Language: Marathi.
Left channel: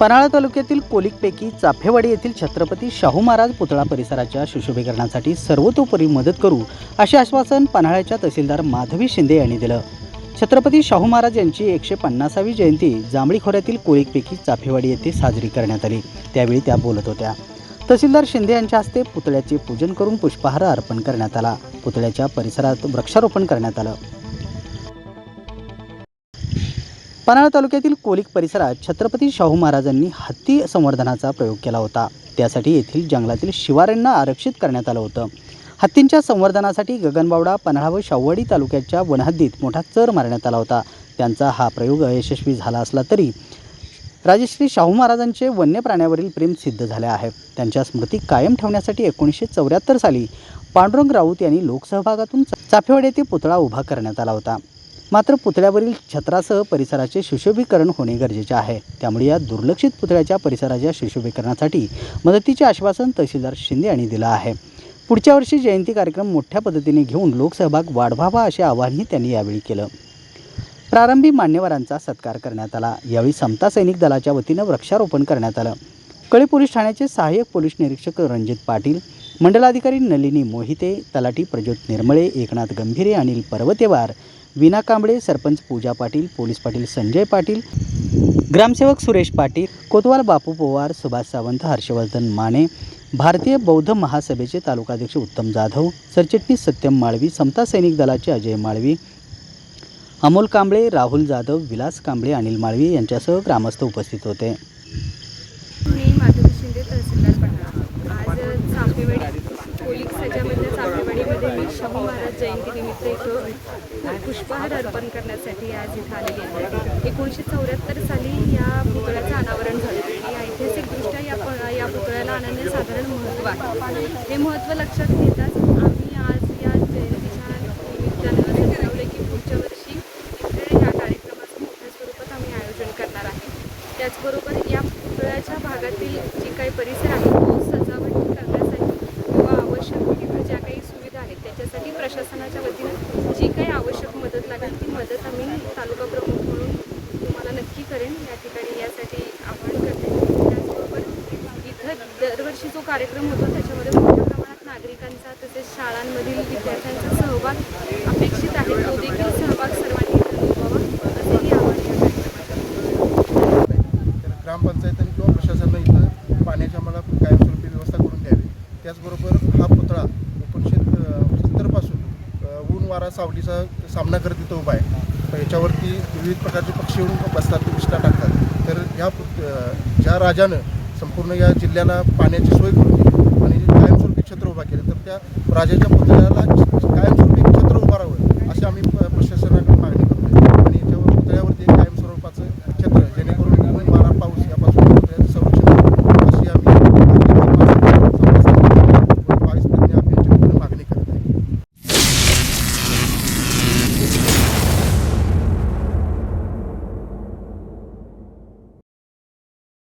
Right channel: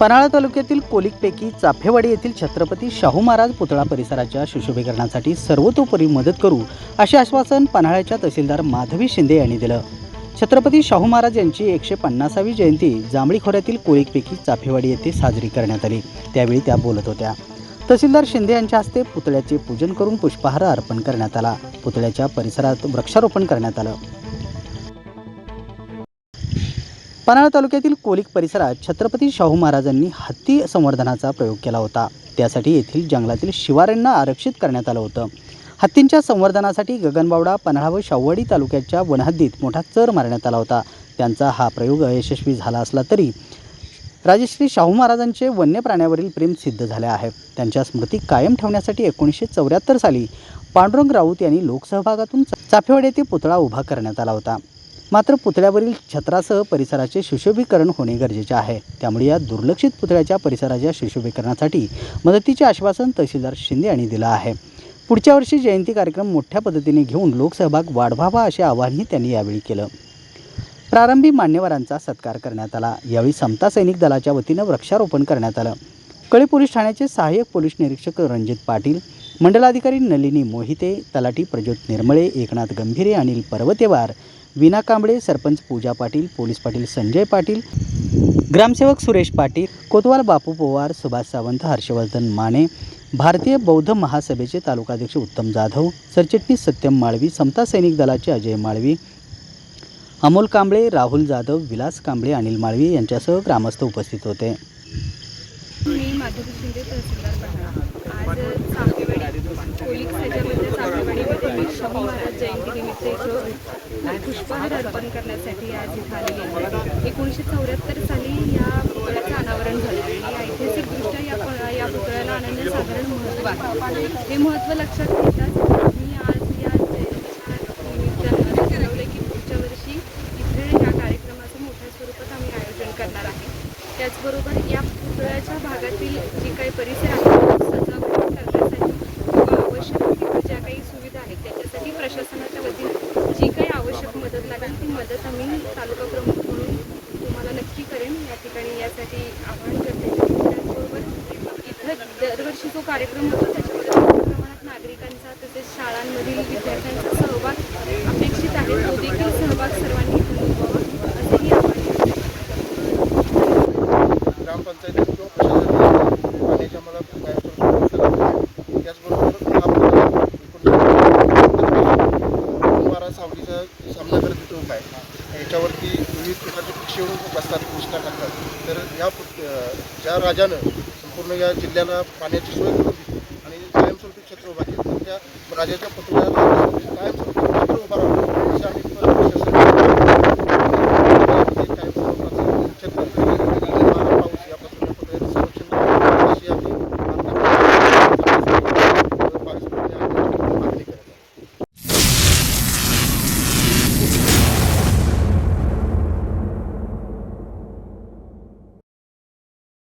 पन्हाळा तालुक्यातील कोलिकपैकी चाफेवाडी येथील छत्रपती शाहू महाराज पुतळा परिसराच्या सुशोभीकरणासाठी सर्वतोपरी मदत करू असे आश्वासन पन्हाळ्याच्या तहसीलदार माधवी शिंदे यांनी दिलं. छत्रपती शाहू महाराज यांची एकशे पन्नासावी जयंती जांभळी खोऱ्यातील कोलिकपैकी चाफेवाडी येथे साजरी करण्यात आली. त्यावेळी त्या बोलत होत्या. तहसीलदार शिंदे यांच्या हस्ते पुतळ्याचे पूजन करून पुष्पहार अर्पण करण्यात आला. पुतळ्याच्या परिसरात वृक्षारोपण करण्यात आलं. पन्हाळा तालुक्यातील कोलिक परिसरात छत्रपती शाहू महाराजांनी हत्ती संवर्धनाचा प्रयोग केला होता. त्यासाठी येथील जंगलातील शिवाऱ्यांना आरक्षित करण्यात आलं होतं. हत्तींच्या संवर्धनासाठी गगनबावडा पन्हाळा व शाववाडी तालुक्याच्या वनहद्दीत मोठा चर मारण्यात आला होता. त्यांचा हा प्रयोग अयशस्वी झाला असला तरी राजश्री शाहू महाराजांचे वन्य प्राण्यावरील प्रेम सिद्ध झाले आहे. त्यांच्या स्मृती कायम ठेवण्यासाठी एकोणीसशे चौऱ्याहत्तर साली पांडुरंग राऊत यांनी लोकसहभागातून चाफेवाड येथे पुतळा उभा करण्यात आला होता. मात्र पुतळ्यावरील छत्रासह परिसराचे सुशोभीकरण होणे गरजेचे आहे. त्यामुळे या दुर्लक्षित पुतळ्याच्या परिसराच्या सुशोभीकरणासाठी मदतीचे आश्वासन तहसीलदार शिंदे यांनी दिलं आहे. पुढच्या वर्षी जयंती कार्यक्रम मोठ्या पद्धतीने घेऊन लोकसहभाग वाढवावा असे आवाहनही त्यांनी यावेळी केलं. प्रारंभी मान्यवरांचा सत्कार करण्यात आला. यावेळी समता सैनिक दलाच्या वतीनं वृक्षारोपण करण्यात आलं. कळी पोलीस ठाण्याचे सहाय्यक पोलीस निरीक्षक रणजित पाटील मंडलाधिकारी नलिनी मोहिते तलाठी प्रज्योत निर्मळे एकनाथ गंभीरे अनिल पर्वतेवार विना कांबळे सरपंच पूजा पाटील पोलीस पाटील संजय पाटील ग्रामसेवक सुरेश पाटील कोतवाल बापू पवार सुभाष सावंत हर्षवर्धन माने भारतीय बौद्ध महासभेचे तालुकाध्यक्ष उत्तम जाधव सरचिटणीस सत्यम माळवी समता सैनिक दलाचे अजय माळवी अमोल कांबळे राहुल जाधव विलास कांबळे अनिल माळवी यांच्यासह ग्रामस्थ उपस्थित होते. मी माधवी शिंदे तहसीलदार चाफेवाडी पोलीस त्याच्यामध्ये चाफेवाडीमध्ये मी शाहू महाराज जयंतीनिमित्त इथं पुष्पहार अर्पण करण्यासाठी आज इथं आलेली आहे एकोणीसशे चौऱ्याहत्तर साली या पुतळ्याचं अनावरण झालं. आणि ऐतिहासिकदृष्ट्या या या पुतळ्याला अनन्यसाधारण महत्त्व आहे हे महत्त्व लक्षात घेताच मी आज या जयंतीच्या निमित्तानं ठरवलं की पुढच्या वर्षी इथे या कार्यक्रमाचं मोठ्या स्वरूपात आम्ही आयोजन करणार आहे त्याचबरोबर या पुतळ्याच्या भागातील जे काही परिसर आहे तो सजावट करण्यासाठी किंवा आवश्यक तिथं ज्या काही सुविधा आहेत त्याच्यासाठी प्रशासनाच्या वतीनं जी काही आवश्यक मदत आम्ही तालुका प्रमुख म्हणून तुम्हाला नक्की करेन. या ठिकाणी यासाठी आवाहन करते. त्याचबरोबर इथं दरवर्षी जो कार्यक्रम होतो त्याच्यामध्ये मोठ्या प्रमाणात नागरिकांचा तसेच शाळांमधील विद्यार्थ्यांचा सहभाग अपेक्षित आहे. तो देखील सहभाग सर्वांनी इथं नोंदवावा आवाहन ग्रामपंचायतीत किंवा प्रशासनाने पाण्याची आम्हाला कायमस्वरूपी व्यवस्था लागली आहे त्याचबरोबर हा पुतळा एकोणीसशे वारा सावलीचा सामना करत तिथं उभा आहे. याच्यावरती विविध प्रकारचे पक्षी येऊन बसतात विष्ठा टाकतात. तर ह्या ज्या राजानं संपूर्ण या जिल्ह्याला पाण्याची सोय करून आणि कायमस्वरूपी क्षेत्र उभा केलं तर त्या राजाच्या पुतळ्या